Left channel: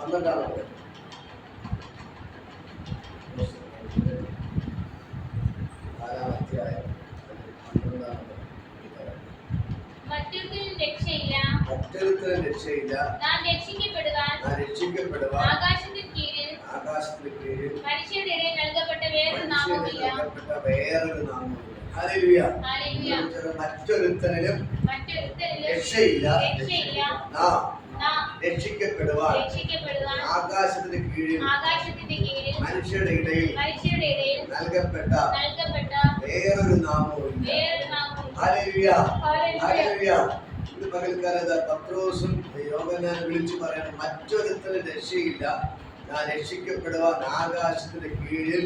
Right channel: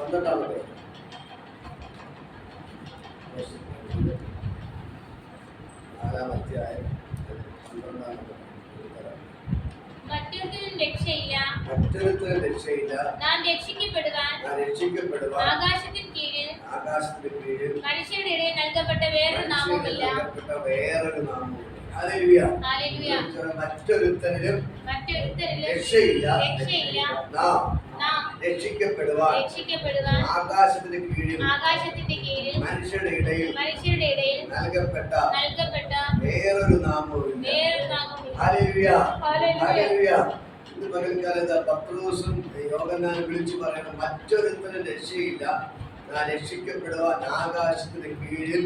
പന്ത്രണ്ടാമത്തെ നാലാം അധ്യായം പന്ത്രണ്ടാമത്തെ മറ്റൊരുത്തനും രക്ഷയില്ല. ഞാൻ രക്ഷിക്കപ്പെടുവാൻ ആകാശത്തിന് കീഴിൽ ആകാശത്തിന് കീഴിൽ മനുഷ്യരുടെ ഇടയിൽ നൽകപ്പെട്ട വേറൊരു നാമമില്ല നൽകപ്പെട്ട വേറൊരു നാമമില്ല. മറ്റൊരുത്തനിലും രക്ഷയില്ല. നാം രക്ഷിക്കപ്പെടുവാൻ രക്ഷിക്കപ്പെടുവാൻ ആകാശത്തിന് കീഴിൽ ആകാശത്തിന്റെ കീഴിൽ മനുഷ്യരുടെ ഇടയിൽ മനുഷ്യരുടെ ഇടയിൽ നൽകപ്പെട്ട നൽകപ്പെട്ട വേറൊരു നാമവുമില്ല. ഹല്ലേലൂയ. ഹല്ലേലൂയ. ഇന്ന് പകൽക്കാലത്ത് പത്രോസും യോഗനാൻ വിളിച്ചു പറയണം. മറ്റൊരുത്തരും രക്ഷയില്ല. ഞാൻ രക്ഷിക്കപ്പെടുവാൻ ആകാശത്തിന്റെ കീഴിൽ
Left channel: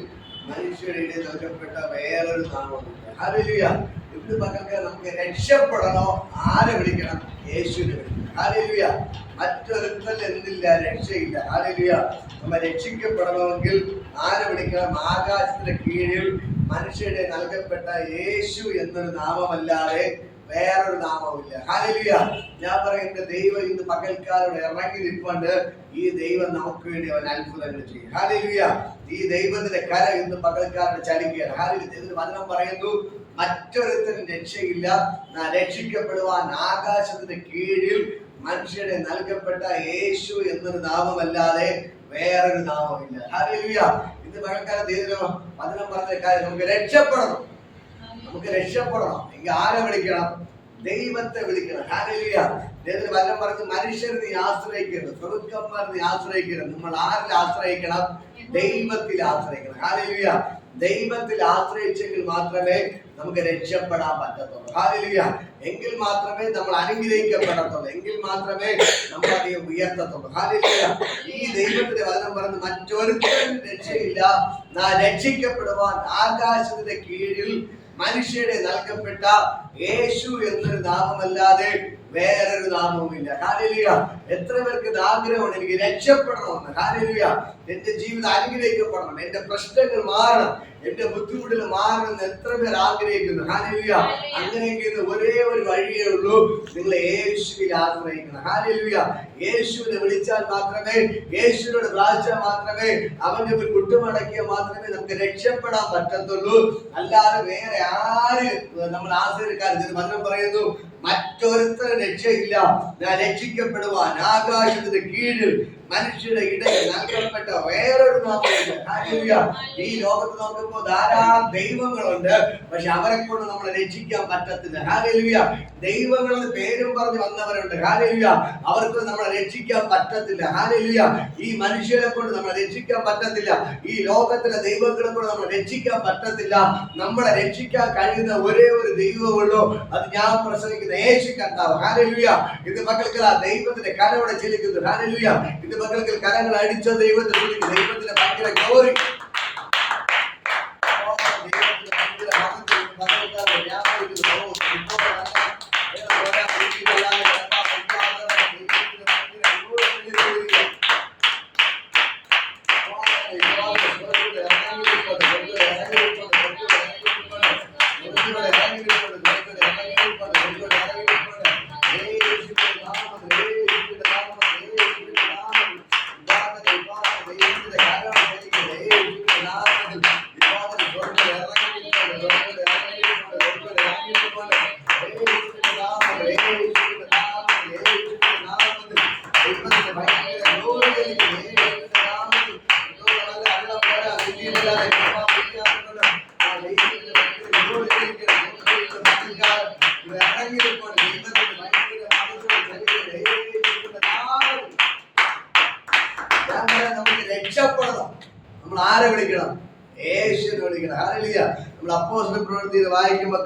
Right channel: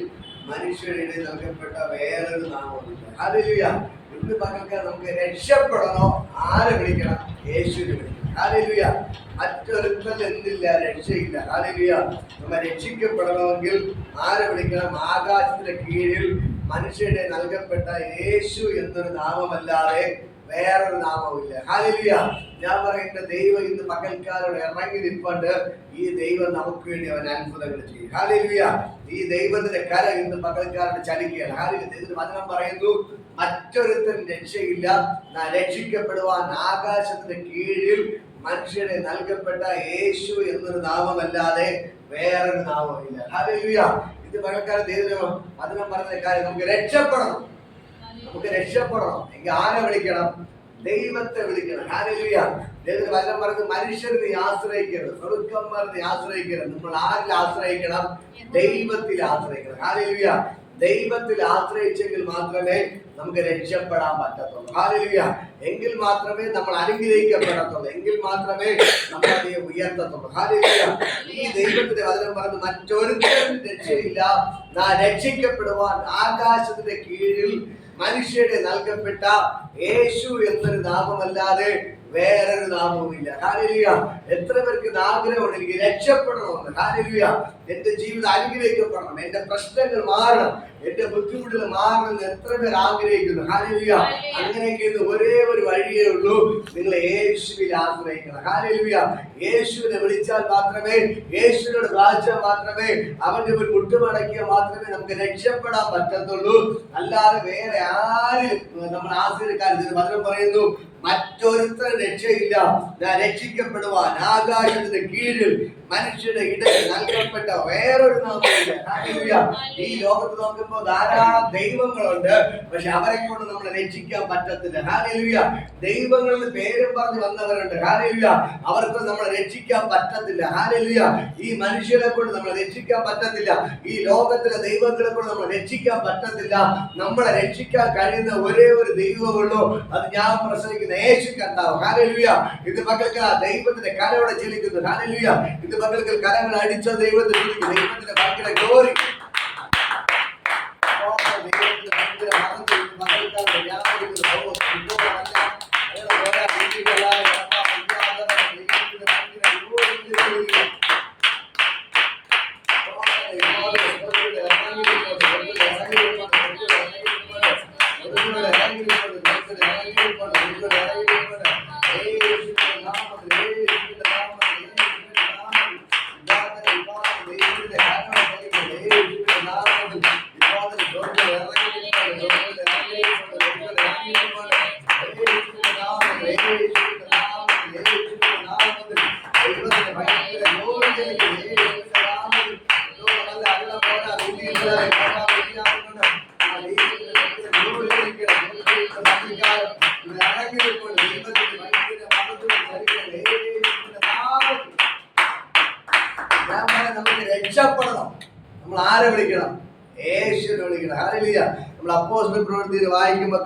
മനുഷ്യരുടെ ഇടയിൽ നൽകപ്പെട്ട വേറൊരു നാമമുണ്ട് ഹല്ലേലൂയ. ഇന്ന് പകൽക്കാലം നമുക്ക് രക്ഷപ്പെടണോ? ആരെ വിളിക്കണം? യേശുവിനെ വിളിക്കണം. ഹല്ലേലൂയ മറ്റൊരുത്തൽ എന്തില്ല രക്ഷയില്ല. ഹല്ലേലൂയ നമ്മ രക്ഷിക്കപ്പെടണമെങ്കിൽ ആരെ വിളിക്കണം? ആകാശത്തിന്റെ കീഴിൽ മനുഷ്യരുടെ നൽകപ്പെട്ട യേശു എന്നൊരു നാമമല്ലാതെ വേറൊരു നാമവുമില്ല. ഹാലലിയ ഞാൻ പറയുന്ന ദൈവം ഇന്ന് പകൽക്കാരോട് ഇറങ്ങി നിൽപ്പണ്ട്. ഈ ദൈവം നമുക്ക് വേണ്ടി അവൻ അത്ഭുതങ്ങൾ ചെയ്യും. ഹാലലിയ ഈ ദൈവത്തിന്റെ കര ഇന്ന് പകൽക്കാരോട് ചലിക്കുകയാണ്. ഹാലലിയ ദൈവത്തിന്റെ വചനം പറയുന്നു മറ്റൊരുത്തരും രക്ഷയില്ല. രക്ഷിക്കപ്പെടുവാൻ ആകാശത്തിന്റെ കീഴിൽ മനുഷ്യരെ നൽകപ്പെട്ട യേശു എന്നൊരു നാമമല്ലാതെ വേറൊരു നാമമില്ല. ഇത് പകൽക്കാലം ദൈവം വചനം പറഞ്ഞ കാര്യം നമുക്ക് രക്ഷപ്പെടണം. നമുക്ക് രക്ഷപ്പെടണം. എങ്കിൽ ആരെ വിളിക്കണം? ദൈവത്തെ വിളിക്കണം. ഹാലലിയ ദൈവത്തിന് വചനം പറഞ്ഞ് മനുഷ്യരെ നീ ആശ്രയിക്കരുത്. സ്വർഗന്മാരെ നീ ആശ്രയിക്കരുത്. നമ്മൾ ആരിൽ ആശ്രയിക്കണം? ദൈവത്തിൽ ആശ്രയിക്കണം. ഹാലലിയ ദൈവത്തിൽ ആശ്രയിച്ചെങ്കിൽ മാത്രമേ നമുക്ക് രക്ഷപ്പെടാൻ പറ്റത്തുള്ളൂ. ഹാലലിയ എങ്കിൽ മാത്രമേ നമ്മൾ അനുഗ്രഹിക്കപ്പെടത്തുള്ളൂ. എങ്കിൽ മാത്രമേ നമ്മൾ അതിനെ ഉയർത്തത്തുള്ളൂ. ഈ ദൈവത്തിന്റെ വചനം പറഞ്ഞ് മറ്റൊരുത്തരും രക്ഷയില്ല. രക്ഷിക്കപ്പെടുവാൻ ആകാശത്തിന്റെ കീഴിൽ മനുഷ്യരെ നൽകപ്പെട്ട യേശു എന്നൊരു നാമമല്ലാതെ വേറൊരു നാമവുമില്ല ഹാരലിയ എത്ര പേർക്ക് ആഗ്രഹമുണ്ട്? എനിക്ക് രക്ഷപ്പെടണമെന്ന്. ഹാരലിയ എന്റെ ജീവിതം അനുഗ്രഹിക്കപ്പെടണം. എന്റെ പ്രശ്നങ്ങൾ മാറണം. എന്റെ ബുദ്ധിമുട്ടുകൾ മാറണം എന്ന് എത്ര പേർ ആഗ്രഹിക്കുന്നു? ഹാലലിയ അങ്ങനെയൊക്കെ ഇന്ന് ഒരേ ഒരു വഴിയേ ഉള്ളൂ. നിങ്ങൾ യേശുവിൽ ആശ്രയിക്കണം. ഹാലലിയ യേശുവിനെ വിളിച്ചാൽ മാത്രമേ യേശുവിനോട് പ്രാർത്ഥിച്ചാൽ മാത്രമേ അവന്റെ ഒരു മുട്ടുമടക്കിയാൽ മാത്രമേ നമുക്ക് രക്ഷപ്പെടാൻ പറ്റത്തുള്ളൂ. അല്ലാതെ വേറെ ആര് നമ്മൾ ആശ്രയിക്കാൻ മധുരം പറയുന്നു മറ്റൊരുത്തരും രക്ഷയില്ല. രക്ഷിക്കപ്പെടുവാൻ ആകാശത്തിന്റെ കീഴിൽ മനുഷ്യരുടെ ഇടയിൽ നൽകപ്പെട്ട വേറൊരു നാമമില്ല. ഈ ലോകത്ത് നോക്കുമ്പോൾ ധാരാളം ദൈവങ്ങളുണ്ട്. പക്ഷെ അവരെ കൊണ്ട് നമ്മളെ രക്ഷിക്കാൻ പറ്റത്തില്ല. ഹാലലുയ ദൈവങ്ങളിൽ പേരും പറഞ്ഞ് വന്നവരുണ്ട്. ഹാലലുയ അവർക്ക് നമ്മളെ രക്ഷിക്കാൻ പറ്റത്തില്ല. ഹാലലുയ ഈ മനുഷ്യരെ കൊണ്ട് നമ്മളെ രക്ഷിക്കാൻ പറ്റത്തില്ല. ഈ ലോകത്തിലെ ദൈവങ്ങളെ കൊണ്ട് നമ്മളെ രക്ഷിക്കാൻ പറ്റത്തില്ല. നമ്മളെ രക്ഷിക്കാൻ കഴിയുന്ന ഒരേ ഒരു ദൈവമുള്ളൂ. അത് ഞാൻ പ്രസംഗിക്കുന്ന യേശു കർത്താവ്. ഹാലലുയ ഇത് മക്കൾക്ക് ആ ദൈവത്തിന്റെ കരവിടെ ചെലിക്കുന്നു. ഹാലലുയ ഇത് മക്കൾക്ക് കരങ്ങൾ അടിച്ച ദൈവത്തെ വിളിക്കുന്നു ദൈവത്തിന്റെ ഭയങ്കര ഗ്ലോറി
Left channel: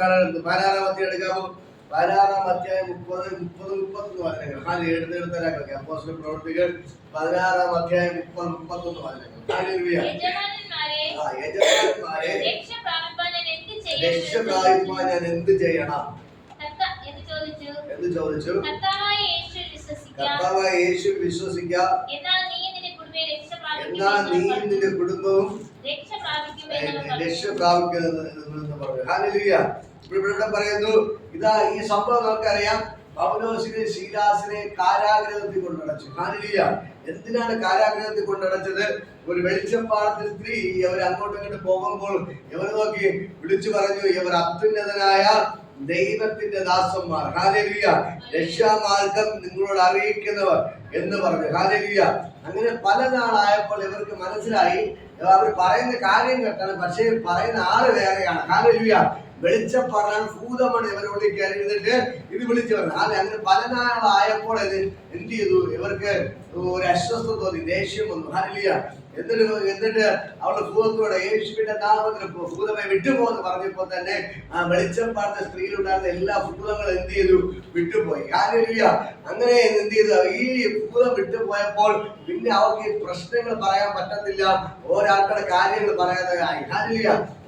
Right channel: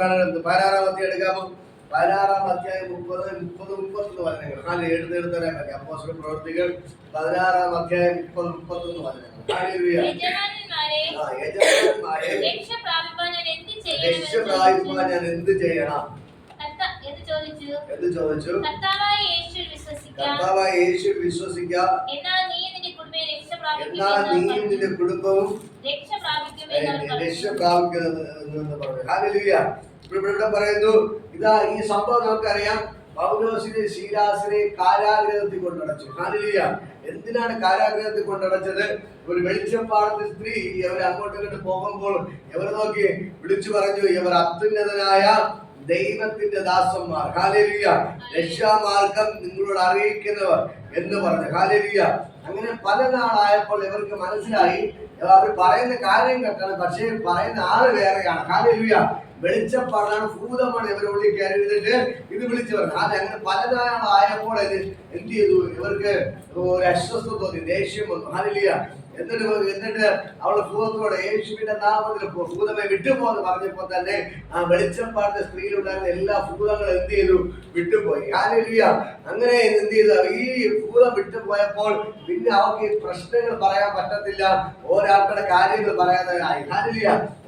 കാണാൻ പതിനാറാം അധ്യായം എടുക്കാമോ? പതിനാറാം അധ്യായം മുപ്പത് മുപ്പത് മുപ്പത്തൊന്ന് വചനങ്ങൾ ഹാലി എടുത്ത് എടുത്തരാൻ അപ്പോസ്തല പ്രവൃത്തികൾ പതിനാറാം അധ്യായം മുപ്പത് മുപ്പത്തൊന്ന് വചനങ്ങൾ യജമാനന്മാരെ രക്ഷ പ്രാപിപ്പാൻ ഞാൻ എന്ത് ചെയ്യണം? എന്ത് എന്ന് ചോദിച്ചു? കർത്താവായ യേശു വിശ്വസിക്കാം. എന്നാൽ നീ നിന്റെ നീയും കുടുംബവും രക്ഷ പ്രാപിക്കുന്നത് എന്ന് പറഞ്ഞു. ഹാലലുയ. ഇവിടെ പറയുന്നു. ഇതാ ഈ സംഭവം നമുക്കറിയാം. പൗലോസിനെ ശീലാസിനെ കാരാഗ്രഹത്തിൽ കൊണ്ടടച്ചു. ഹാനിലിയ എന്തിനാണ് കാരാഗ്രഹത്തിൽ കൊണ്ടടച്ചത്? ഒരു വെളിച്ചപ്പാടത്തെ സ്ത്രീ ഇവർ അങ്ങോട്ടും ഇങ്ങോട്ട് പോകുമ്പോൾ ഇവർ നോക്കി? വിളിച്ചു പറഞ്ഞു ഇവർ അത്യുന്നതനായ ദൈവത്തിന്റെ ദാസന്മാർ. ഹാലലിയ. രക്ഷാമാർഗം നിങ്ങളോട് അറിയിക്കുന്നവർ എന്ന് പറഞ്ഞു. ഹാലലിയ. അങ്ങനെ പല നാളായപ്പോൾ ഇവർക്ക് മനസ്സിലായി. അവർ പറയുന്ന കാര്യം കേട്ടാണ് പക്ഷേ പറയുന്ന ആൾ വേറെയാണ്. ഹാലലിയ. വെളിച്ചപ്പാടാണ് ഭൂതമാണ് ഇവരോട് കയറി ഇരുന്നിട്ട് ഇത് വിളിച്ചു പറഞ്ഞു. അത് അങ്ങനെ പല നാളായപ്പോൾ ഇത് എന്ത് ചെയ്തു? ഇവർക്ക് ഒരു അസ്വസ്ഥ തോന്നി ദേഷ്യം വന്നു. ഹാലലിയ എന്നിട്ട് എന്നിട്ട് അവൾ ഭൂതത്തോടെ യേശുവിന്റെ നാമത്തിൽ ഭൂതമെ വിട്ടുപോന്ന് പറഞ്ഞപ്പോൾ തന്നെ ആ വെളിച്ചപ്പാടത്തെ സ്ത്രീയിലുണ്ടായിരുന്ന എല്ലാ ഭൂതങ്ങളും എന്ത് ചെയ്തു? വിട്ടുപോയി. ഹാലലിയ അങ്ങനെ എന്ത് ചെയ്തു? ഈ ഭൂതം വിട്ടുപോയപ്പോൾ പിന്നെ അവർക്ക് പ്രശ്നങ്ങൾ പറയാൻ പറ്റത്തില്ല. ഓരോരുത്തരുടെ കാര്യങ്ങൾ പറയാതെ ആയി.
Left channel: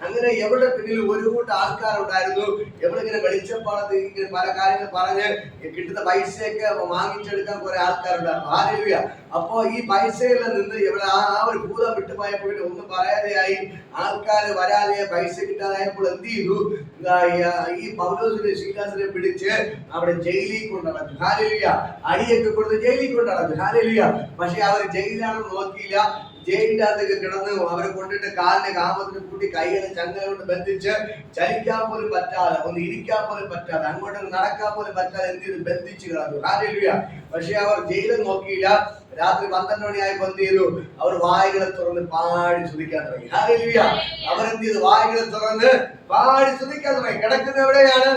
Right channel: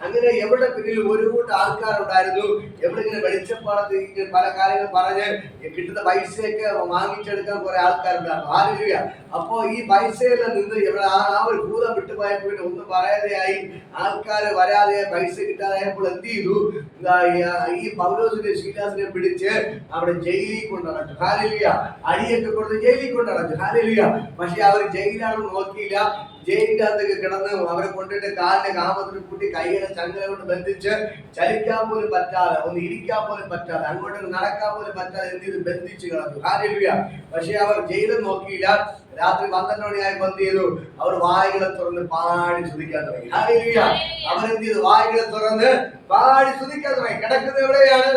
അങ്ങനെ എവിടെ പിന്നിൽ ഒരു കൂട്ടം ആൾക്കാരുണ്ടായിരുന്നു? എവിടെ ഇങ്ങനെ വെളിച്ചപ്പാടത്ത് പല കാര്യങ്ങൾ പറഞ്ഞ് കിട്ടുന്ന പൈസയൊക്കെ വാങ്ങിച്ചെടുക്കാൻ കുറെ ആൾക്കാരുണ്ടായിരുന്നു. ഹാലലിയ അപ്പോ ഈ പൈസയെല്ലാം നിന്ന് ഇവിടെ ആ ആ ഒരു ഭൂതം വിട്ടുപോയപ്പോൾ പിന്നെ ഒന്നും പറയാതെയായി. ആൾക്കാർ വരാതെ പൈസ കിട്ടാതായപ്പോൾ എന്ത് ചെയ്തു? ഈ- പൗലോസിനെ ശീലാസിനെ പിടിച്ച് അവിടെ ജയിലിൽ കൊണ്ടടച്ചു. ഹാലലിയ അടിയൊക്കെ കൊടുത്ത് ജയിലിൽ കൊണ്ടടച്ചു. ഹാലലിയ പക്ഷെ അവർ ജയിലാണെന്ന് നോക്കിയില്ല. ജയിലിന്റെ അകത്തൊക്കെ കിടന്ന് അവരെ കൊണ്ടിട്ട് കാലിന്റെ കാമത്തിന് കൂട്ടി കൈകളെ ചങ്ങല കൊണ്ട് ബന്ധിച്ച് ചലിക്കാൻ പോലും പറ്റാതെ ഒന്ന് ഇരിക്കാൻ പോലും പറ്റാതെ അങ്ങോട്ട് നടക്കാൻ പോലും പറ്റാതെ എന്ത് ചെയ്തു? ബന്ധിച്ച് കിടന്നു. കാര്യ പക്ഷെ അവർ ജയിലും നോക്കിയില്ല. രാത്രി പന്ത്രണ്ട് മണിയായി എന്ത് ചെയ്തു. അവർ വായികളെ തുറന്ന് പാടി ചുതിക്കാൻ തുടങ്ങി. ഹാലലിയ അവരെന്ത് ചെയ്തു? വായികളെ തുറന്ന് പാടി ചുതിക്കാൻ തുടങ്ങി. കിടക്കുന്നത് എവിടെയാണ്?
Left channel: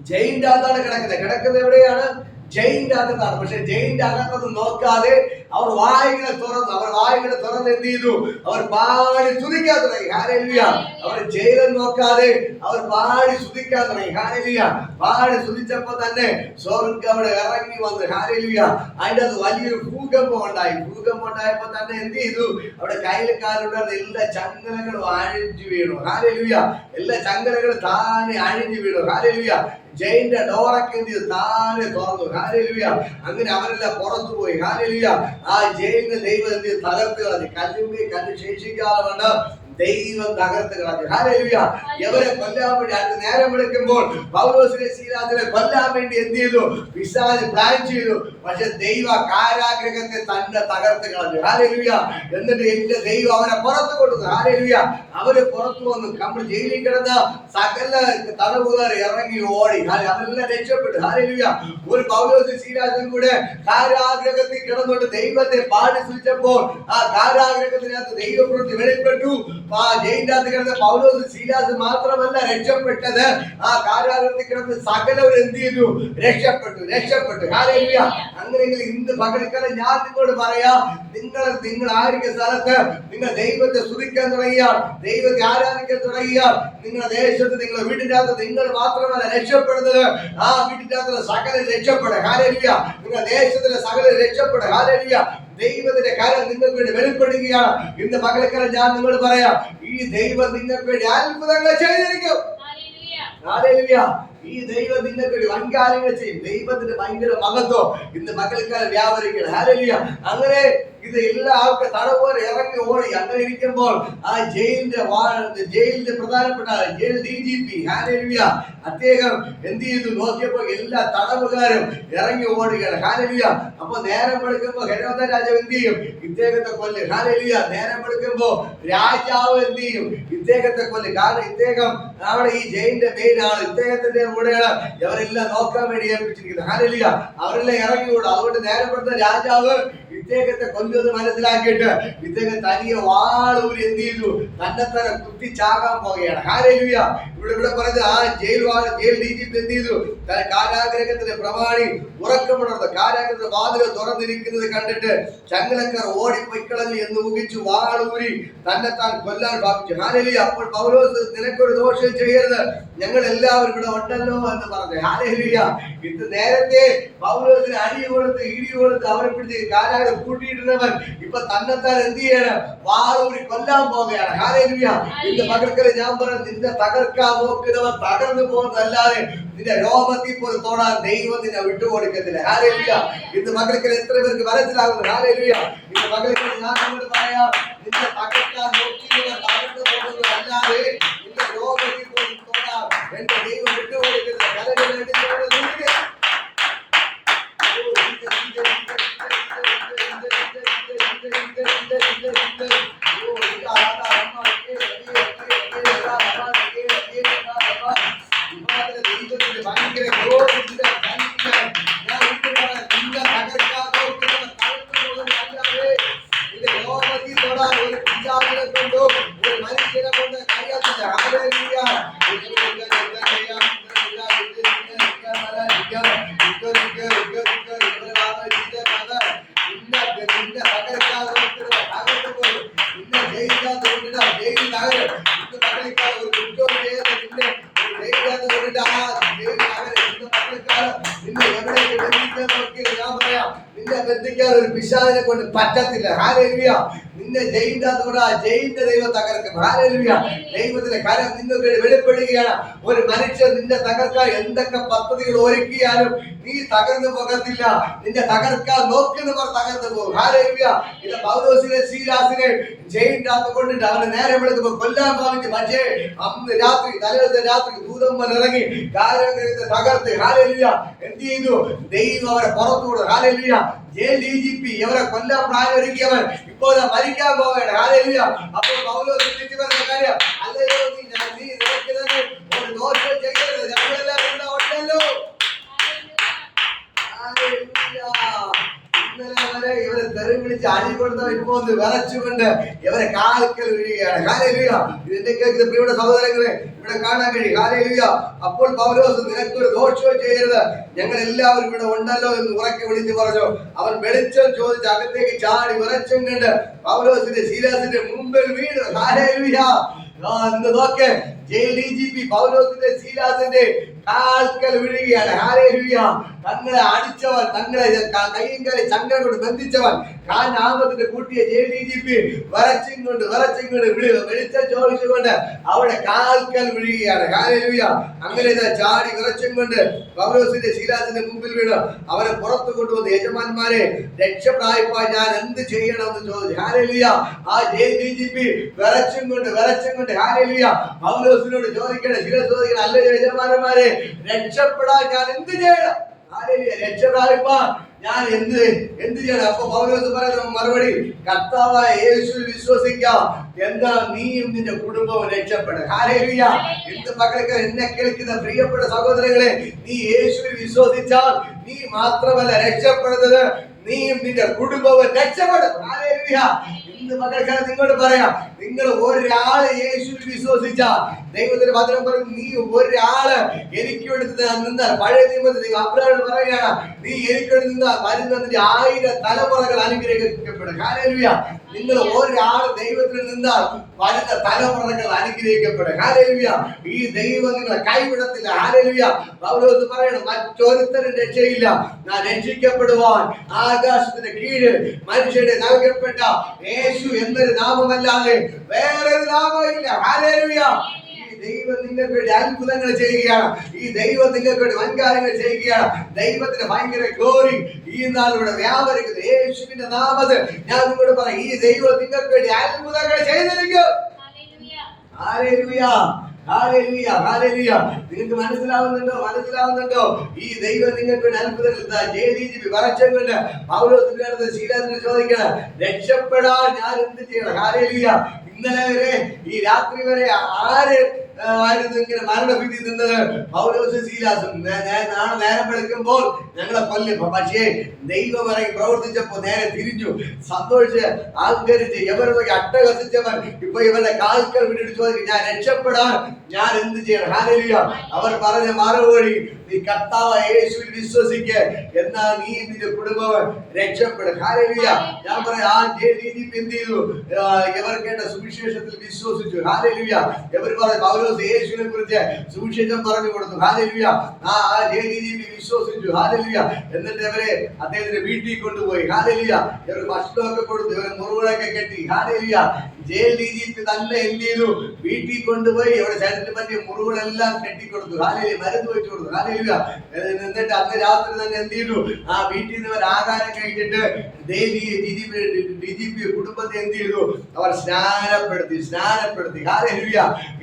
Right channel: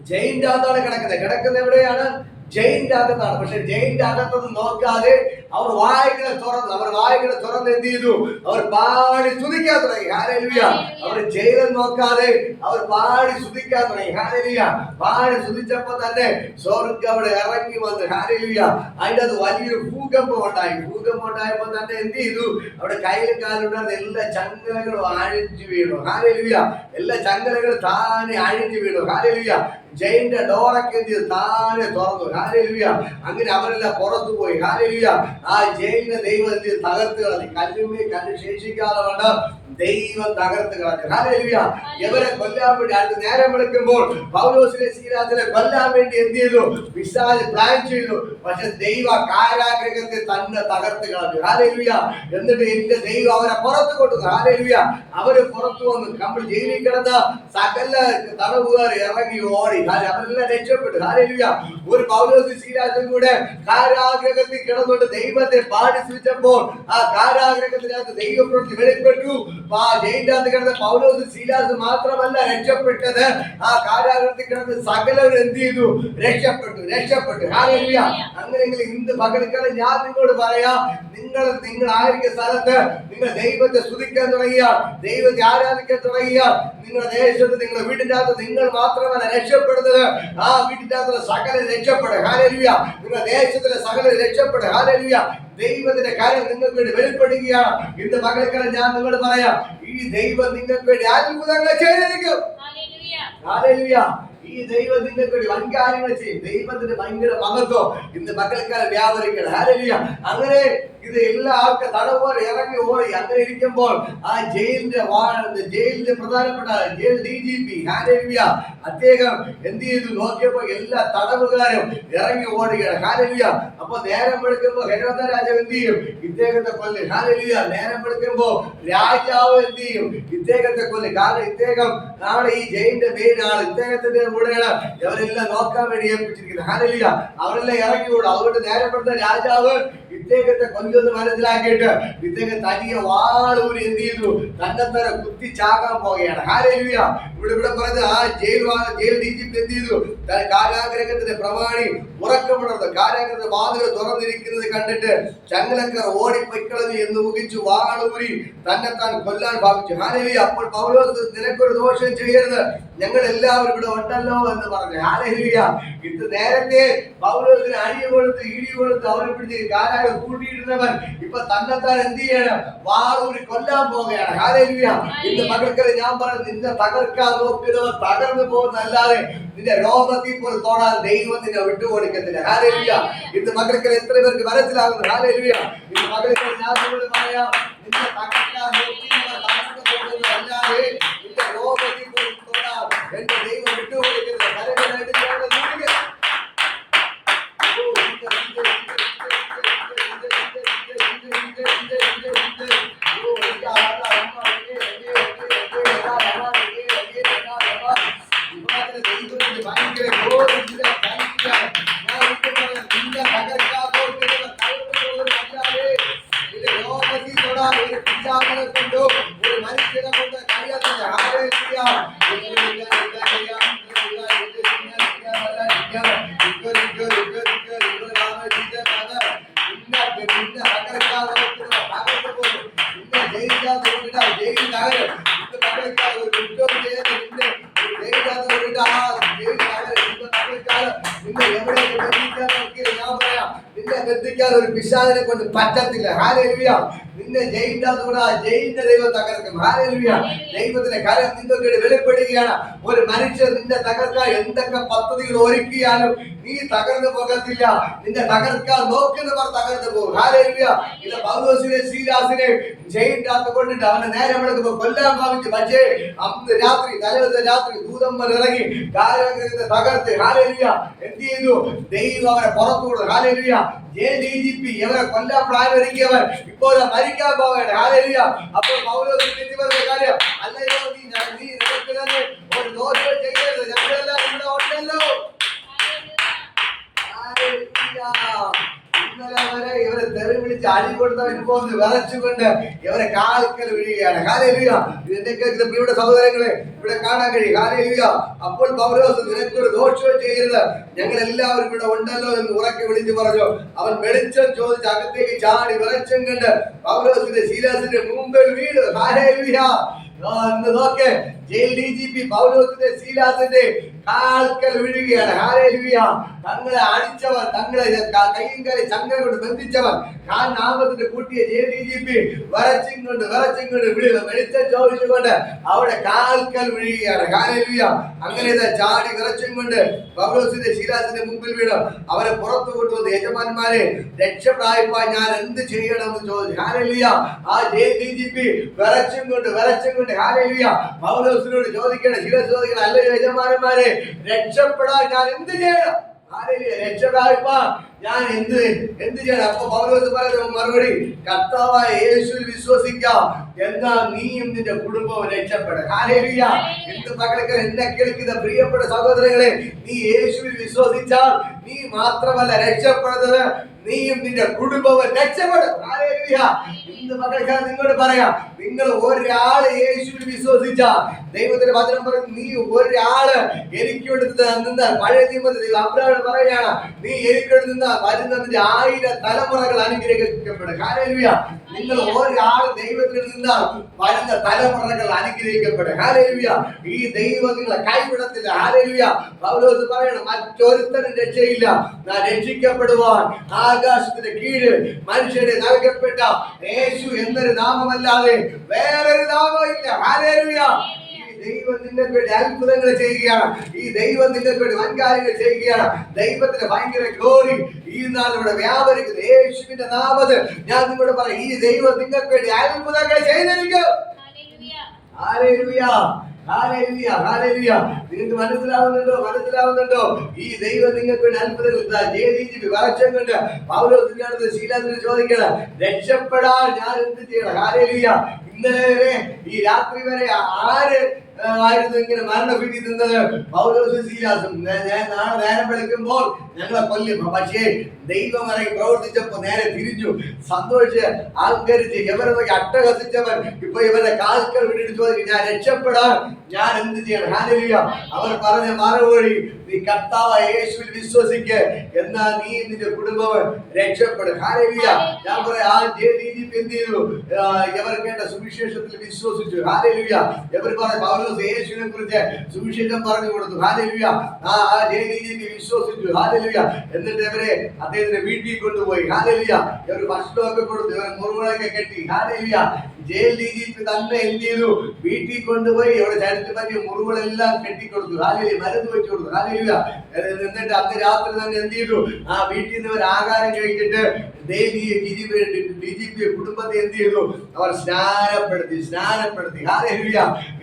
ജയിലിന്റെ അകത്താണ് കിടക്കുന്നത്. കിടക്കുന്നത് എവിടെയാണ്? ജയിലിന്റെ അകത്താണ്. പക്ഷെ ജയിലിന്റെ അകത്തൊന്നും നോക്കാതെ അവർ വായികളെ തുറന്നു അവർ വായികളെ തുറന്ന് എന്ത് ചെയ്തു? അവർ പാടി സ്തുതിക്കാൻ തുടങ്ങി. ഹാരലിയ അവർ ജയിലും നോക്കാതെ അവർ പാടി സ്തുതിക്കാൻ തുടങ്ങി. ഹാരലിയ പാടി സ്തുതിച്ചപ്പോ തന്നെ സ്വർഗം അവിടെ ഇറങ്ങി വന്ന്. ഹാരലിയ അതിന്റെ അത് വലിയൊരു ഭൂകമ്പം ഉണ്ടായി. ഭൂകമ്പം ഉണ്ടായപ്പോ തന്നെ എന്ത് ചെയ്തു? അവിടെ കയ്യിൽ കാലുണ്ടായിരുന്ന എല്ലാ ചങ്ങലകളും അഴിഞ്ഞു വീണു. ഹാരലിയ എല്ലാ ചങ്ങലകളും താനെ അഴിഞ്ഞു വീണു. ഹാരലിയ ജയിലിന്റെ ഡോറൊക്കെ എന്ത് ചെയ്തു? താനെ തുറന്നു. ഹാരലിയ അങ്ങനെ അവരെല്ലാം പുറത്തു പോയി. ഹാലലിയ ആ ജയിലിനെ ദൈവം എന്ത് ചെയ്തു തകർത്ത് കളഞ്ഞു. കല്ലുമേ കല്ല് ശേഷിക്കാതെ വേണ്ട. ദൈവം തകർത്ത് കളഞ്ഞു. എവരെ കൊല്ലാൻ വേണ്ടി അടുത്ത് നേരം എടുക്കുമ്പോൾ പൗലോസിനെ കൊല്ലാൻ വേണ്ടി എന്ത് ചെയ്തു? വിശാൽ പ്ലാൻ ചെയ്തു. പക്ഷെ ദൈവ കാരാഗ്രഹത്തെ തന്നെ തകർത്ത് കളഞ്ഞു. ഹാലലുയ എന്നിട്ട് എന്റെ ദൈവം അവരെ പുറത്തു കൊണ്ടു ഹാലലുയ അവർ പുറത്തു വന്ന് നമ്മൾ ജയിലിൽ കിടന്ന സകല തടവുകാർ ഇറങ്ങി ഓടി. അവരെല്ലാം രക്ഷപ്പെട്ടു. ഹാലലുയ ഒരു പൗലോസ് ശ്രീരാജൻ കൂടെ കാരാഗ്രഹത്തിൽ കിടന്നുകൊണ്ട് ദൈവത്തെ പാടി സൂചിച്ചപ്പോൾ ആ കാരാഗ്രഹത്തിനകത്ത് ദൈവപ്രവൃത്തി വെളിപ്പെട്ടു. അകത്ത് കിടന്ന പൗലോസ് സീലാസ് മാത്രമല്ല രക്ഷപ്പെട്ടത്. ആ കാരാഗ്രഹത്തിൽ കിടന്ന് സകലവരും എന്ത് ചെയ്തു? രക്ഷപ്പെട്ടു രക്ഷപ്പെട്ടു. ഹാലലുയ. അങ്ങനെയെങ്കിൽ ഇന്ന് പകൽക്കാലം ഞാൻ നിങ്ങളോട് പറയാ നിങ്ങൾ നിങ്ങൾ ആയിരിക്കുന്ന സ്ഥലത്ത് നിങ്ങൾ ദൈവത്തെ സ്തുതിക്കാൻ തുടങ്ങിയാൽ ദൈവത്തെ ആരാധിക്കാൻ തുടങ്ങിയാൽ നിങ്ങളുടെ ദേശത്ത് നിങ്ങളുടെ വീടിന്റെ അകത്ത് നിങ്ങൾ മാത്രമല്ല രക്ഷപ്പെടുന്നത്. ആ വീടിന്റെ അകത്തുള്ള സകല രക്ഷപ്പെടുക ഹാലലുയ. നിങ്ങളുടെ ദേശത്തിലെ സകല രക്ഷപ്പെടുക ഹാലലുയ. ദൈവത്തിന്റെ കാര്യം നിങ്ങൾക്ക് വേണ്ടി വെളിപ്പെടുകയാണ്. ഇന്ന് പകൽക്കാലം ഞാൻ നിങ്ങളോട് പറയാം ഈ ദൈവം നിങ്ങൾക്ക് വേണ്ടി അത്ഭുതങ്ങൾ ചെയ്തിരിക്കും. ഈ ദൈവത്തിന്റെ വേണ്ടി വൻകാര്യങ്ങൾ ചെയ്യും. ദൈവത്തിന്റെ ഭയങ്കര മഹത്വം. ഇന്ന് മക്കൾക്കാരെ വ്യാപരിക്കണം. ഹാലലിയ അങ്ങനെ ഇത് എല്ലാ ആൾക്ക് തടവുകാർ ഇറങ്ങി ഓടി. അങ്ങനെ ഇരിക്കുമ്പോൾ ആ ജയിലിന്റെ ജയിലിന്റെ പ്രധാനപ്പെട്ട ജയിൽ ഡി ജി പി ഹാലലിയ അദ്ദേഹം എന്ത് ചെയ്തു? നോക്കിയപ്പോൾ എല്ലാ തടവുകാരും ഇറങ്ങി ഓടുകയാണ്. ഹാലലിയ അപ്പൊ നേരം എടുക്കുമ്പോൾ ഹെരോദ രാജാവ് എന്ത് ചെയ്യും? ഇദ്ദേഹത്തെ കൊല്ലും. ഹാലലിയ നേരം എടുക്കുമ്പോൾ രാജാവ് എന്ത് ചെയ്യും? ഇദ്ദേഹത്തെ കൊല്ലും. കാരണം ഇദ്ദേഹം അവിടെ ഈ ജയിലിന്റെ മെയിൻ ആണ് ഇദ്ദേഹത്തിന്റെ കൂടെയാണ് ഇവരെല്ലാം നോക്കാൻ വേണ്ടി ഏൽപ്പിച്ചിരിക്കുന്നത്. ഹാലലിയ അവരെല്ലാം ഇറങ്ങി ഓടും അതുകൊണ്ട് നേരെ വെളുത്ത രാജാവ് ഇദ്ദേഹത്തെ കൊല്ലുമെന്ന് മനസ്സിലാക്കിയിട്ട് ഇദ്ദേഹം തനിയെ വാളൂരി എന്ത് ചെയ്തു? തന്നെ തന്നെ കുത്തി ചാകാൻ പോവുകയാണ്. ഹാലലിയ ഇവിടെ ഇവിടെ പറഞ്ഞത് ആ ജയിൽ വാ- ജയിൽ ഡി ജി പി എന്ത് ചെയ്തു? കാരാഗ്രഹത്തിന്റെ പ്രമാണി ഉറക്കമുണർന്നു. കാരാഗ്രഹത്തിന്റെ വാതിൽ തുറന്നിരിക്കുന്നത് കണ്ടിട്ട് ചങ്ങലക്കർ ഓടിപ്പൊയ്ക്കളഞ്ഞു എന്ന് ഊഹിച്ചു വാളൂരി തന്നെ താൻ കൊല്ലാൻ ഭാവിച്ചു. ഹാലലിയ അപ്പോൾ പൗലോസ് നിനക്കൊരു ദോഷം ചെയ്യരുത്. ഞങ്ങൾ എല്ലാവരും ഇവിടെ ഉണ്ടല്ലോ എന്ന് പറഞ്ഞു. ഹാരലിയ ഇത് നേരത്തെ പൗലോസിന് അടിയ കൊടുത്ത് ഇടി കൊടുത്ത് അവരെ പിടിച്ച് കാരാഗ്രഹം കൂട്ടിയിരുന്നവൻ ഇപ്പൊ തന്നെത്താൻ എന്ത് ചെയ്യണം? വാളൂരി കൊല്ലാൻ പോവുകയാണ്. ഹാലലിയ ഇന്ന് പകർക്കൽ ഞാൻ പറഞ്ഞു നിന്നെ തകർക്കാൻ നോക്കുന്നവർ തകർന്നു പോകുന്നതല്ലാതെ നിന്റെ രോമത്തിൽ പോലും തോടാൻ ദൈവം നിന്നെ വിട്ടുകൊടുക്കത്തില്ല. ഹാലേലുയ ഇന്ന് മകൾക്കൽ എത്ര പേർക്ക് മനസ്സിലാകുന്നു? ഹാലേലുയ ഇന്ന് മകൾക്കൽ ഞാൻ നിങ്ങളോട് പറയാം? നിന്റെ തകർക്കാൻ നോക്കിയവർ തകർന്നു പോകുന്നതല്ലാതെ പിശാചിനെ കൊണ്ട് പറ്റത്തില്ല. ഹാലേലുയ നിന്നെ ജയിന്റെ കൂടെ ജയിന്റെ ദൈവം തകർക്കും. ഹാലേലുയ ദൈവത്തിന്റെ കാര്യം നിങ്ങൾക്ക് വെളിപ്പെടുകയാണ്. ഒരു മനുഷ്യൻ നിന്നെ തകർക്കാൻ എന്തൊക്കെ പദ്ധതികൾ ഒരുക്കിയാലും നീ തകർന്നു പോകത്തില്ല. നിന്നെ തകർക്കാൻ നോക്കുന്നവർ തകർന്നു പോകും. ഇത് പൗലോസിനെ സീരാസിനെ ജയിലിന്റെ അകത്ത് കൊണ്ടിട്ട് അവനെ നേരെ എടുക്കുമ്പോൾ കൊല്ലാൻ ഭാവിച്ചു പക്ഷേ അന്ന് രാത്രി തലേദിവസം രാത്രി ദൂതന്മാർ ഇറങ്ങി തകർത്ത്. ഹാലേലിയ എന്ത് ചെയ്തു? ദൈവം അവരെ പുറത്തു hallelujah hallelujah J D G P ഇവരെ കൊല്ലാൻ പ്രായം ഒരുക്കിയവൻ ഇപ്പോൾ മരിക്കാൻ പോവുകയാണ്. ഹാലേലിയ അപ്പോൾ പൗലോസ് കാര്യം അല്ലയോ നീ നിനക്ക് തന്നെ വരെ ഇവരെ വിളിച്ച് ഇവരെ കാൽക്കൽ വീഴുകയാണ്. ഇതിന്റെ കേൾക്കുന്ന സഹോദരങ്ങളെ ഇവിടെ കാണാൻ കഴിയും. കാലയിലുക അപ്പോൾ പൗലോസ് നിനക്കൊരു ദോഷവും ചെയ്യരുത്. ഞങ്ങൾ എല്ലാവരും ഇവിടെ ഉണ്ടല്ലോ എന്ന് ഉറക്കെ വിളിച്ചു പറഞ്ഞു. അവൻ വെളിച്ചം ചോദിച്ച് അകത്തേക്ക് ചാടി വിറച്ചും കണ്ട് പൗലോസിന്റെ ശീലാസിന്റെ മുമ്പിൽ നോക്ക്. ജയിൽ ഡി ജി പി പൗലോസിന്റെ ശീലാസിന്റെ കാൽക്കൽ വീഴുകയാണ്. തങ്ങളെ അടിച്ചവൻ തങ്ങളെ ക- കയ്യും കാലി ചങ്ങല കൊണ്ട് ബന്ധിച്ചവൻ. കാൽ നാമത്തിന്റെ കൂട്ടിയ ജയിൽ ഡി ജി പി വരച്ചും കൊണ്ട് വരച്ചും കൊണ്ട് വിളി വെളിച്ചം ചോദിച്ചുകൊണ്ട് അവിടെ കാൽക്കൽ വീഴുകയാണ്. അങ്ങനെ ചാടി വിറച്ചും കൊണ്ട് പൗലോസിന്റെ ശീലാസിന്റെ മുമ്പിൽ വീണ് അവരെ പുറത്തു കൊണ്ടുവന്ന് യജമാന്മാരെ രക്ഷപ്രായപ്പാൻ ഞാൻ എന്ത് ചെയ്യണമെന്ന് ചോദിച്ചു. ഹാലേലുയ ആ ജയിൽ ഡി ജി പി വിറച്ചും കൊണ്ട് വിറച്ചും കൊണ്ട് ഹാലേലുയ പൗലോസിനോട് ചോദിക്കണം ശിവ ചോദിക്കണം അല്ല യജമാനന്മാരെ രക്ഷപ്പെടാൻ ഞാൻ എന്ത് ചെയ്യണം? രക്ഷപ്രായപ്പാൻ ഞാൻ എന്ത് എന്ത് ചെയ്യണം? അപ്പൊ പൗലോസ് പറയുന്ന മറുപടി കർത്താവായ യേശു വിശ്വസിക്കാം. എന്താ നീയും നിന്റെ കുടുംബവും രക്ഷപ്പെടും മക്കൾക്ക് എന്നെ കേൾക്കുന്ന പ്രിയപ്പെട്ട സഹോദരങ്ങളെ നീ യേശുവിൽ വിശ്വസിച്ചാൽ നീ മാത്രമല്ല രക്ഷപ്പെടുന്നത്. നീയും നിന്റെ കുടുംബവും രക്ഷപ്പെടും. ഇന്ന് മക്കൾക്ക് നിങ്ങളോട് പറയാം നിങ്ങൾ ഒരാൾ യേശുവിൽ വിശ്വസിച്ച ദൈവത്തിന്റെ വചനം പറയും നീ ഒരാൾ എനിക്ക് വേണ്ടി നിന്ന പഴയ നിയമത്തിൽ ദൈവം അബ്രാഹിം പറയുകയാണ് നീ എനിക്ക് വേണ്ടി നിന്ന വരുന്ന നിന്റെ ആയിരം തലമുറകൾ അനുഗ്രഹിക്കപ്പെടും. ഹാലേലുയ. നിങ്ങൾ ഒരാൾ ദൈവത്തിൽ നിന്നാൽ വരുന്ന തലമുറകൾ അനുഗ്രഹിക്കപ്പെടും. ഈ ദൈവം നിങ്ങളെ കൈവിടത്തില്ല. ഹാലേലുയ പൗലോസ് പറയണം മറ്റൊരുത്തരും രക്ഷയില്ല. ഞാൻ രക്ഷിക്കപ്പെടുവാൻ ആകാശത്തിന്റെ കീഴിൽ മനുഷ്യരെ നൽകപ്പെട്ട യേശു എന്നൊരു നാമമല്ലാതെ വേറൊരു ഹാലേലുയ ഈ ദൈവം നിങ്ങൾക്ക് വേണ്ടി അത്ഭുതങ്ങൾ ചെയ്യുകയാണ്. ഈ ദൈവം നിങ്ങൾക്ക് വേണ്ടി വൻകാര്യങ്ങൾ ചെയ്യുകയാണ്. ദൈവത്തിന് ഭയങ്കര ഗ്ലോറി ഈ നാൾ ഇവിടെ വ്യാപരിക്കുന്ന. യേശുവിന്റെ നാമത്തിൽ ഞാൻ നിങ്ങളോട് പറയാം ഈ ദൈവം നിങ്ങൾക്ക് വേണ്ടി അത്ഭുതങ്ങൾ ചെയ്തിരിക്കും. നിങ്ങൾക്ക് മനസ്സിലാവുന്നുണ്ടോ? മനസ്സിലാവുന്നുണ്ടോ? ഈ ദൈവം നിങ്ങൾക്ക് വേണ്ടി അത്ഭുതങ്ങൾ വരച്ചം കൊണ്ട് പൗലോസിന്റെ അടുത്ത് ശീലത്തിന് ചോദിക്കണം രക്ഷപ്പെടാൻ ഞാൻ എന്ത് ചെയ്യണം? ഹാലേലുയ ഇന്നലെ വരെ ഈ രാത്രി വരെ ആര് ആയിരുന്നു ഇങ്ങനെ മരണഭീതി നിന്നത്? പൗലോസും നേ- നാളെ നേരം വെളുക്കുമ്പോൾ ഞങ്ങളെ കൊല്ലും. പക്ഷേ ദൈവം ഇറങ്ങി പ്രവർത്തിച്ചപ്പോ നേരെ തിരിഞ്ഞു. സന്തോഷിച്ച് അഹങ്കരിച്ച് ഇവരെ നോക്കി അട്ടഹസിച്ചവൻ ഇപ്പൊ ഇവരുടെ കാൽക്കൽ വിട്ടിട്ട് ചോദിക്കും ഞാൻ രക്ഷപ്പെടാൻ ഞാൻ എന്ത് ചെയ്യണം? ഹാലലിയ അവർ പറഞ്ഞ മറുപടി നീ കർത്താവ് യേശുവിൽ വിശ്വസിക്ക് എന്നാ നീ നിന്റെ കുടുംബം രക്ഷപ്പെടും. ഹാലലിയ ഞാൻ പറയാം ആ ജെ ഡി ജി പി എന്ത് ചെയ്തു? സുവിശേഷത്തിൽ വിശ്വസിച്ചു. ഹാലലിയ എവർ പറഞ്ഞു പൗലോസ് യേശുവിനെ കുറിച്ച് സുവിശേഷം പറഞ്ഞു കൊടുത്തു. ഹാലലിയ ആ ആ ജെ ഡി ജി പി വിശ്വസിച്ചു. ഹാലലിയ എന്നിട്ട് അവരെ അദ്ദേഹത്തിന്റെ വീട്ടിൽ കൊണ്ടുപോയി. ഹാലലിയ ഇവർ ഭക്ഷണമൊക്കെ കൊടുത്തു. ഇവരെ മുറിവുകളൊക്കെ കെട്ടി. ഹാലലിയ ജയിൽ ഡി ജി പി തന്നെ എന്ത് ചെയ്തു വീട്ടിൽ കൊണ്ടുപോയി ഇവിടെ ശരീരത്തിൽ പറ്റിയ മുറിവുകളെല്ലാം കെട്ടിക്കൊടുത്തു. ഹാലലിയ മരുന്ന് വെച്ചു കൊടുത്തു. ഹാലലിയ. എന്നിട്ട് അന്ന് രാത്രി തന്നെ എന്ത് ചെയ്തു ആ വീട്ടിൽ നിന്ന് ആഹാരം കഴിച്ചിട്ട് daily D G P D G P കുടുംബത്തെ എന്ത് ചെയ്തു? അവർ സ്നാനപ്പെടുത്തി സ്നാനപ്പെടുത്തി.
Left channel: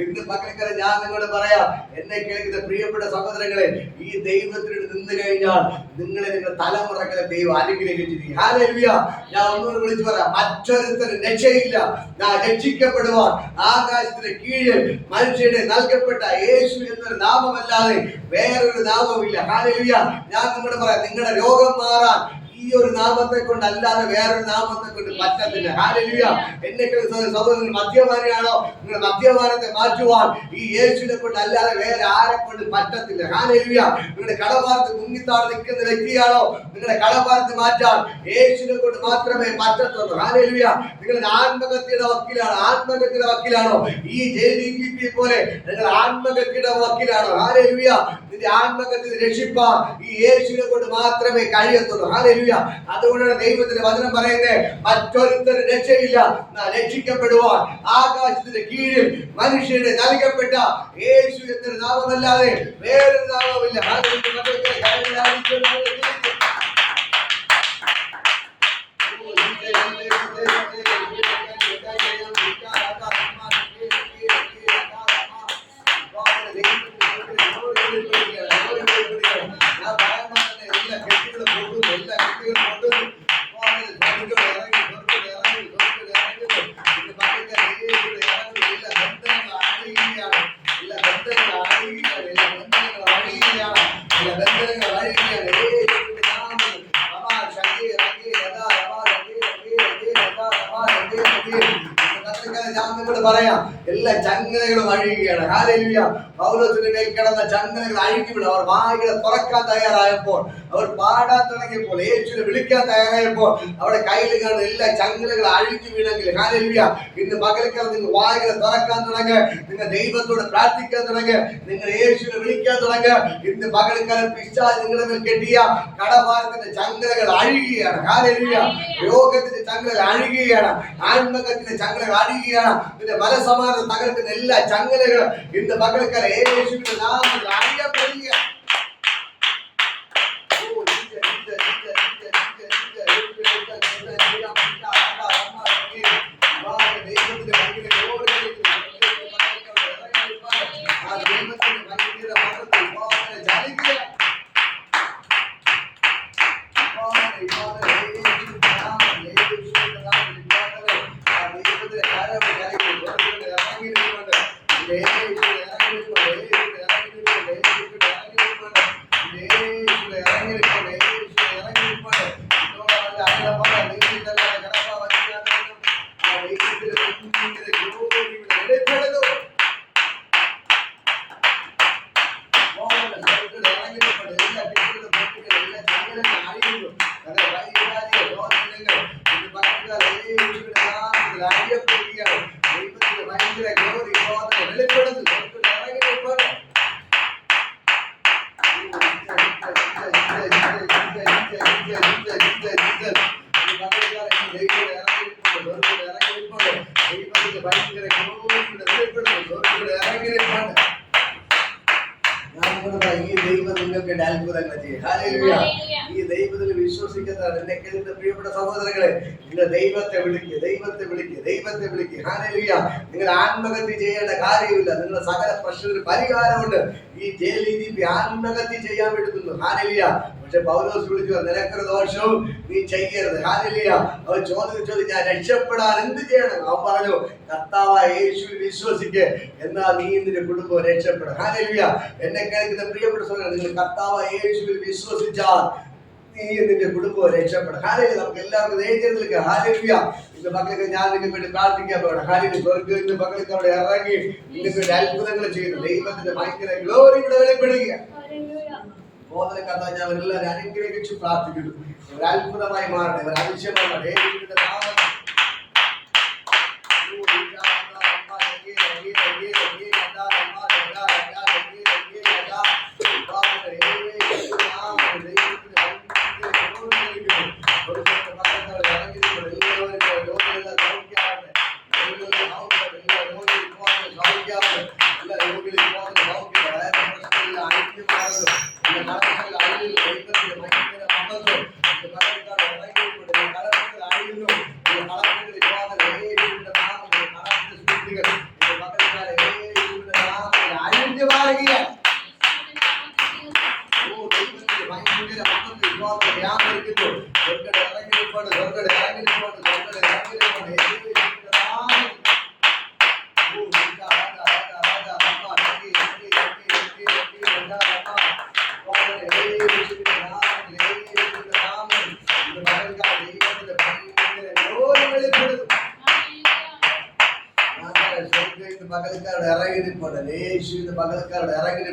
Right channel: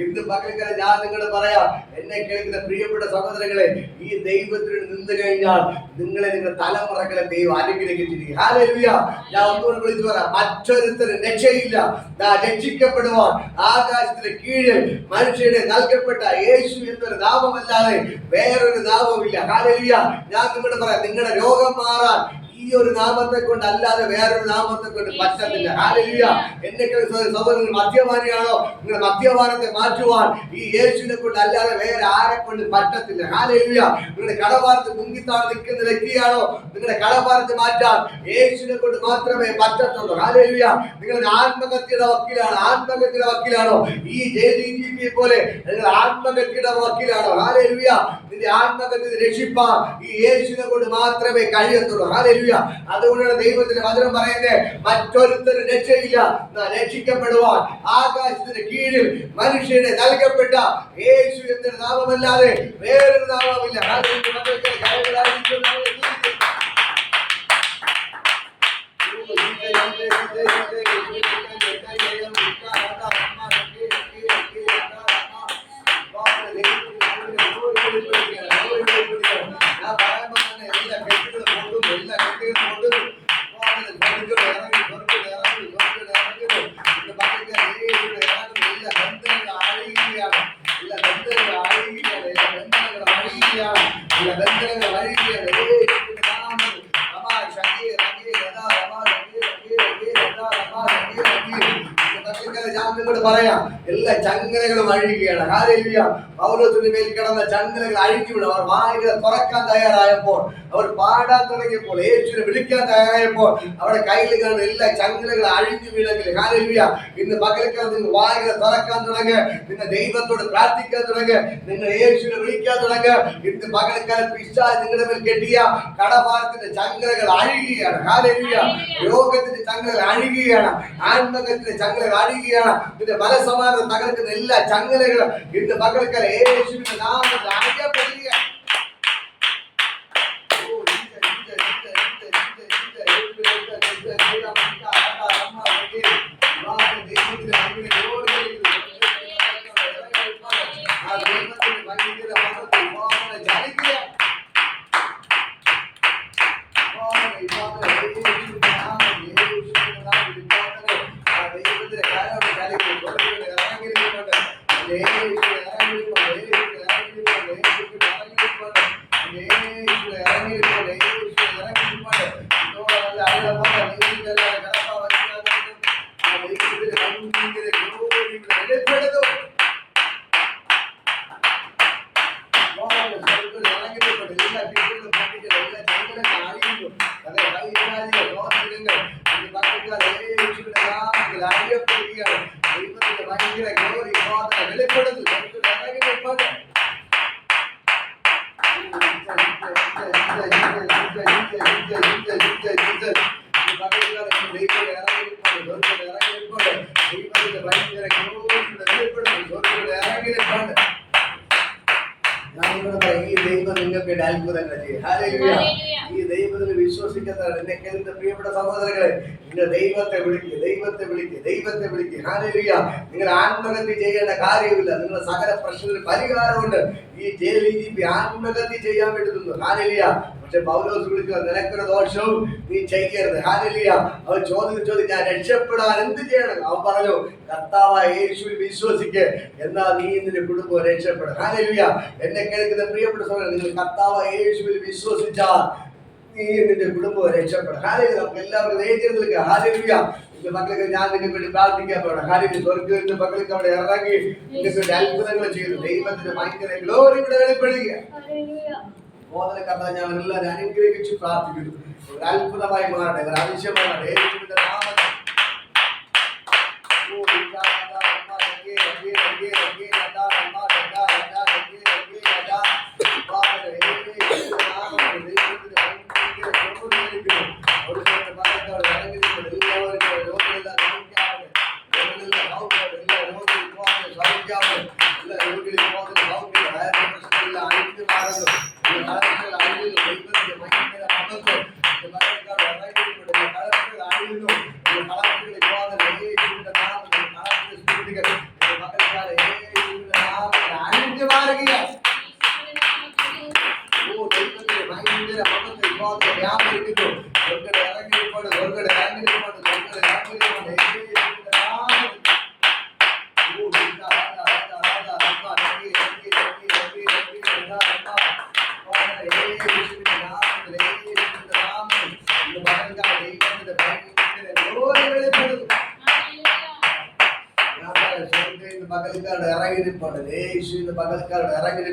ഇന്ന് പകലക്കര ഞാൻ നിങ്ങളോട് പറയാം എന്നെ കേൾക്കുന്ന പ്രിയപ്പെട്ട സഹോദരങ്ങളെ ഈ ദൈവത്തിന് നിന്ന് കഴിഞ്ഞാൽ നിങ്ങളെ നിങ്ങളുടെ തലമുറകളെ ദൈവം അനുഗ്രഹിച്ചിരിക്കും. ഹാലലിയ ഞാൻ ഒന്നുകൂടെ വിളിച്ചു പറയാം മറ്റൊരുത്തരും രക്ഷയില്ല. ഞാൻ രക്ഷിക്കപ്പെടുവാൻ ആകാശത്തിന് കീഴിൽ മനുഷ്യരുടെ നൽകപ്പെട്ട യേശു എന്നൊരു നാമമല്ലാതെ വേറൊരു നാമമില്ല ഹാലലിയ ഞാൻ നിങ്ങളോട് പറയാം നിങ്ങളുടെ രോഗം മാറാൻ ഒരു നാമത്തെ കൊണ്ട് അല്ലാതെ വേറൊരു നാമത്തെ കൊണ്ട് പറ്റത്തില്ല. ഹാലലുയ എന്നെ സഹോദരൻ മദ്യപാനിയാണോ? നിങ്ങൾ മദ്യപാനത്തെ മാറ്റുവാൻ ഈ യേശുവിനെ കൊണ്ട് അല്ലാതെ വേറെ ആരെ കൊണ്ട് പറ്റത്തില്ല. ഹാലലുയ നിങ്ങളുടെ കടഭാരത്ത് മുങ്ങിത്താട് നിൽക്കുന്ന വ്യക്തിയാണോ? നിങ്ങളുടെ കടഭാരത്ത് മാറ്റാൻ യേശുവിനെ കൊണ്ട് മാത്രമേ പറ്റത്തുള്ളൂ. ഹാലലുയ നിങ്ങളുടെ ആത്മഹത്യയുടെ വക്കീലാണ്? ആത്മഹത്യയുടെ വക്കീലാണോ? ഈ ജെ ഡി ജി പി പോലെ നിങ്ങൾ ആത്മഹത്യയുടെ വക്കീലാണോ? ഹാലലുയ നിന്റെ ആത്മഹത്യ രക്ഷിപ്പാൻ ഈ യേശുവിനെ കൊണ്ട് മാത്രമേ കഴിയത്തുള്ളൂ. ഹാലലുയ അതുകൊണ്ടാണ് ദൈവത്തിന്റെ വചനം പറയുന്നത് മറ്റൊരുത്തരും രക്ഷയില്ല. നാം രക്ഷിക്കപ്പെടുവാൻ ആകാശത്തിന്റെ കീഴിൽ മനുഷ്യന് നൽകപ്പെട്ട യേശു എന്നൊരു നാമമല്ലാതെ വേറൊരു നാമമില്ല ഹാലലുയ മക്കൾക്ക് ചങ്ങലകളും വഴിയുകയാണ്. ഹാലലുയ പൗലോസിന്റെ മേൽ കിടന്ന ചന്ദനങ്ങൾ അഴിഞ്ഞു വിടും അവർ വായികളെ തുറക്കാൻ തയ്യാറായപ്പോൾ അവർ പാടാൻ തുടങ്ങിയപ്പോൾ യേശുവിനെ വിളിക്കാൻ തയ്യാറായപ്പോൾ അവരുടെ കയ്യിൽ കാണുന്ന എല്ലാ ചങ്ങലകൾ അഴിഞ്ഞു വീണെങ്കിൽ ഹാലലുയ ഇന്ന് പകൽക്കാലം നിങ്ങൾ വായികളെ തുറക്കാൻ തുടങ്ങുക നിങ്ങൾ ദൈവത്തോട് പ്രാർത്ഥിക്കാൻ തുടങ്ങുക നിങ്ങൾ യേശുവിനെ വിളിക്കാൻ തുടങ്ങുക ഇന്ന് പകൽക്കാലം പിശാ നിങ്ങളുടെ മേൽ കെട്ടിയ കടഭാരത്തിന്റെ ചങ്ങലകൾ അഴുകുകയാണ് ഹാലലുയ രോഗത്തിന്റെ ചങ്ങലകൾ അഴുകുകയാണ് ആത്മകത്തിന്റെ ചങ്ങലകൾ അഴുകുകയാണ് നിന്റെ മനസമാധാനം തകർക്കുന്ന എല്ലാ ചങ്ങലകളും ഇന്ന് പകൽക്കാലം യേശുവിന്റെ നാമത്തിൽ അഴിയപ്പെടുക ഓ, ഈശോ, ഈ ദൈവം വേണ്ടി ദൈവത്തിൽ വിശ്വസിക്കുന്നതാണ് എന്നെ കേൾക്കുന്ന പ്രിയപ്പെട്ട സഹോദരങ്ങളെ നിങ്ങൾ ദൈവത്തെ വിളിക്കുക ദൈവത്തെ വിളിക്കുക ദൈവത്തെ വിളിക്കുക ഹാനലിയ നിങ്ങൾ ആത്മഹത്യ ചെയ്യേണ്ട കാര്യമില്ല നിങ്ങളുടെ സകല പ്രശ്നത്തിന് പരിഹാരമുണ്ട്. ഈ ജയിൽ ആത്മഗതി ചെയ്യാൻ വേണ്ടുന്നു ഹാലലിയ പക്ഷെ പൗലോസ് വിളിക്കുക നിനക്കൊരു ദോഷവും നീ ചെയ്യരുത്. ഹാലിയ അവൻ ചോദിച്ചു ഞാൻ രക്ഷപ്പെടാൻ എന്ത് ചെയ്യണം? അവൻ പറഞ്ഞു കർത്താവായ യേശുവിൽ വിശ്വസിക്ക് എന്നാൽ നീ നിന്റെ കുടുംബം രക്ഷപ്പെടും ഹാലിയ എന്നെ കേൾക്കുന്ന പ്രിയപ്പെട്ട സഹോദരൻ നിങ്ങൾ കർത്താവായ യേശുവിൽ വിശ്വസിച്ചാൽ നീ നിന്റെ കുടുംബം രക്ഷപ്പെടും ഹാലിയ നമുക്ക് എല്ലാവർക്കും ധൈര്യം ഹാലിയ നിന്റെ മക്കൾക്ക് ഞാൻ നിങ്ങൾക്ക് വേണ്ടി പ്രാർത്ഥിക്കാൻ പോകണം. ഹാലിന് സ്വർഗത്തിൽ നിന്ന് മക്കൾക്ക് അവിടെ ഇറങ്ങി നിങ്ങൾക്ക് അത്ഭുതങ്ങൾ ചെയ്തു ദൈവത്തിന്റെ ഭയങ്കര ഗ്ലോറി ഇവിടെ വെളിപ്പെടുക ബോധന കഥ ഞാൻ അവരെല്ലാവരും അനുഗ്രഹിച്ച് പ്രാർത്ഥിക്കുന്നു. ഒരു അത്ഭുതമായി മാറട്ടെ. ഒരു അതിശയമായി പകൽക്കാരുടെ ഇറങ്ങി യേശുവിന്റെ യേശു ഇന്ന് പകൽക്കാരുടെ ഇറങ്ങി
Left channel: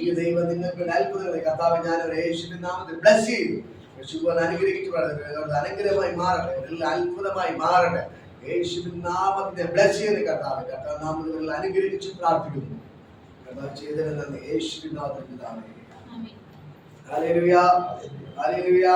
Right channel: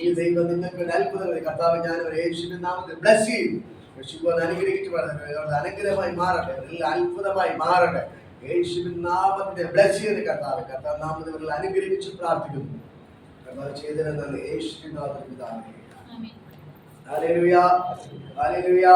ഈ ദൈവം നിങ്ങൾക്ക് ഒരു അത്ഭുതങ്ങൾ കർത്താവ് ഞാൻ ഒരു യേശുവിന്റെ നാമത്തിൽ ബ്ലസ് ചെയ്യും യേശുവിനെ അനുഗ്രഹിച്ചു പറഞ്ഞത് അനുഗ്രഹമായി മാറട്ടെ. എല്ലാം അത്ഭുതമായി മാറട്ടെ. യേശുവിൻ നാമത്തിന്റെ ബ്ലസ് ചെയ്ത് കർത്താവ്. കർത്താവ് നാമത്തിൽ അനുഗ്രഹിച്ച് പ്രാർത്ഥിക്കുന്നു. കർത്താവ് ചെയ്തതെന്നാണ് യേശുവിന്റെ യേശുവിൻ നാമത്തിൽ പിതാവേ. Hallelujah hallelujah